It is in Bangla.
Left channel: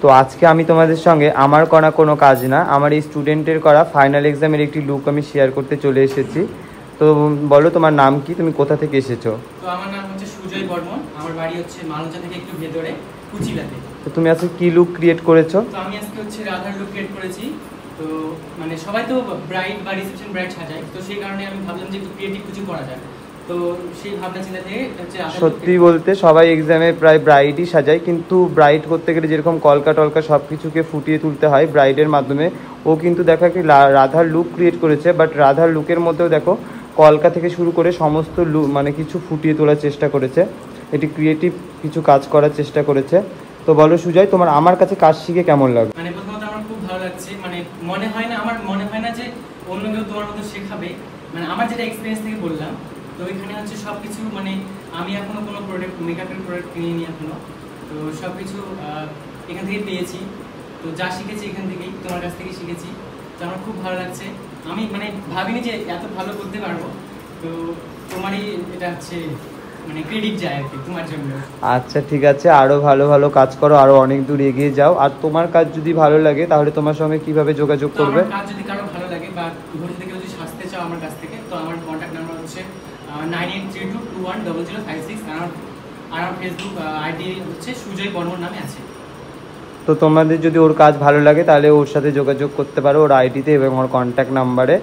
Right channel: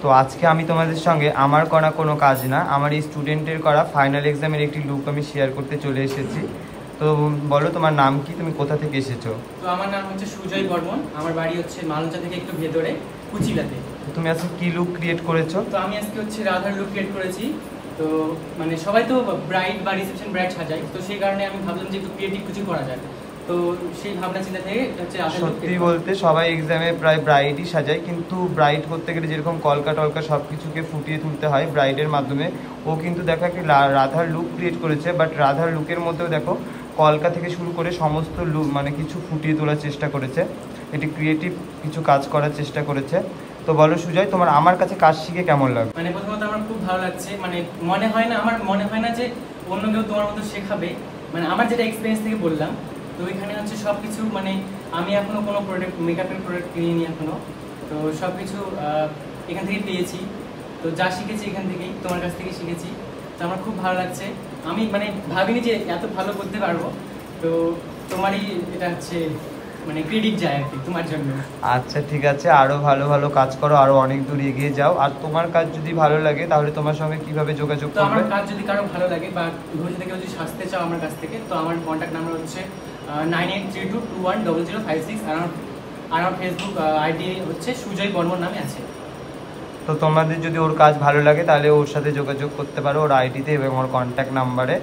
তো আজকে আমি তোমাদের সঙ্গে আমার করা কোনো কাজ না, আমার এই স্টুডেন্টের করা ফাইনাল এক্সামের একটি লুক আমি শেয়ার করতে চলে এসেছি। তো বলো তোমার নাম কি, তুমি কোথা থেকে এসেছো? তো আমার নাম হচ্ছে সুজয় বর্মন, আমার বাড়ি হচ্ছে মালঞ্চা থেকে একটু ভেতরে কুচিলাতে। তো তুমি আজকে কি লুক ক্রিয়েট করেছো? তো আমি আজকে হচ্ছে রাধার লুক ক্রিয়েট করেছি। তো মানে সবাই তো ব্রাইড বা রিসেপশন ব্রাইড সাজায়, তো সেই কারণে আমি ভাবলাম যে একটু ক্রিয়েটিভ কিছু করা যায়। তো সেই ভাবনা চিন্তা থেকে হচ্ছে সত্যি বলতে সবাই এক্সামে প্রায় ব্রাইডই সাজায়, কিন্তু ব্রাইড করতে গেলে যেরকম কলকা টলকা সব কিছুকে ফুটিয়ে তুলতে হয় ব্রাইডের মাধ্যমে, ও কিন্তু দেখো একটি রাধার লুক ক্রিয়েট করেছে। বাট রাধার লুকের মধ্যেও দেখো কলকা থেকে শুরু করে সমস্ত লুক মানে কিছু ফুটিয়ে তোলার চেষ্টা করেছে, এটি ক্রিয়েটিভ কিছু কাজ করার চেষ্টা করেছে। তো বলো সুজয়, তোমার আমার কাছে কাজ শিখে কেমন লাগে? মানে প্রথমত আমার খুব ভালো লাগছে, মানে আমার মনে হয় না যে অন্য কেউ তোমার মতো শেখাবে। মানে আমার যেটা এক্সপিরিয়েন্স থেকে বললাম, তো এখানে হচ্ছে সবকিছু মানে আমি এখনো কোনো প্রোডাক্ট মেকআপের প্রোডাক্ট কিনিনি এখনো, তো সবকিছু এখান থেকে পেয়েছি। তো যা শিখেছি এখান থেকেই, তোমার কাছ থেকে শিখেছি। তো আমার খুব ভালো লাগছে, আমি মানে ভাবিনি যে এত ভালো করতে পারবো। তো তোমারই এটা হচ্ছে মানে ক্রেডিট যায় আর কি তোমার জন্য। আচ্ছা ঠিক আছে, আরো ভালো ভালো কাজ করো, আরো অনেক দূর এগিয়ে যাও। আর তোমার কাজ যদি ভালো লাগে তাহলে তোমার সঙ্গে কিভাবে যোগাযোগ তো করবে? আমার কাজ যদি কারো ভালো লাগে বা ভবিষ্যতে কেউ যদি সাজতে চাও আমার কাছ থেকে, তো আমার কন্ট্যাক্ট নাম্বার হচ্ছে 9832210056, আর আমার ফেসবুক আইডি হচ্ছে সুজয় বর্মন নামে আছে। তো তোমাদের যদি ওর কাজ ভালো লাগে তাহলে ওর সাথে যোগাযোগ করতে পারো ওর আইডিতে এবং ওর কন্ট্যাক্ট নাম্বারে।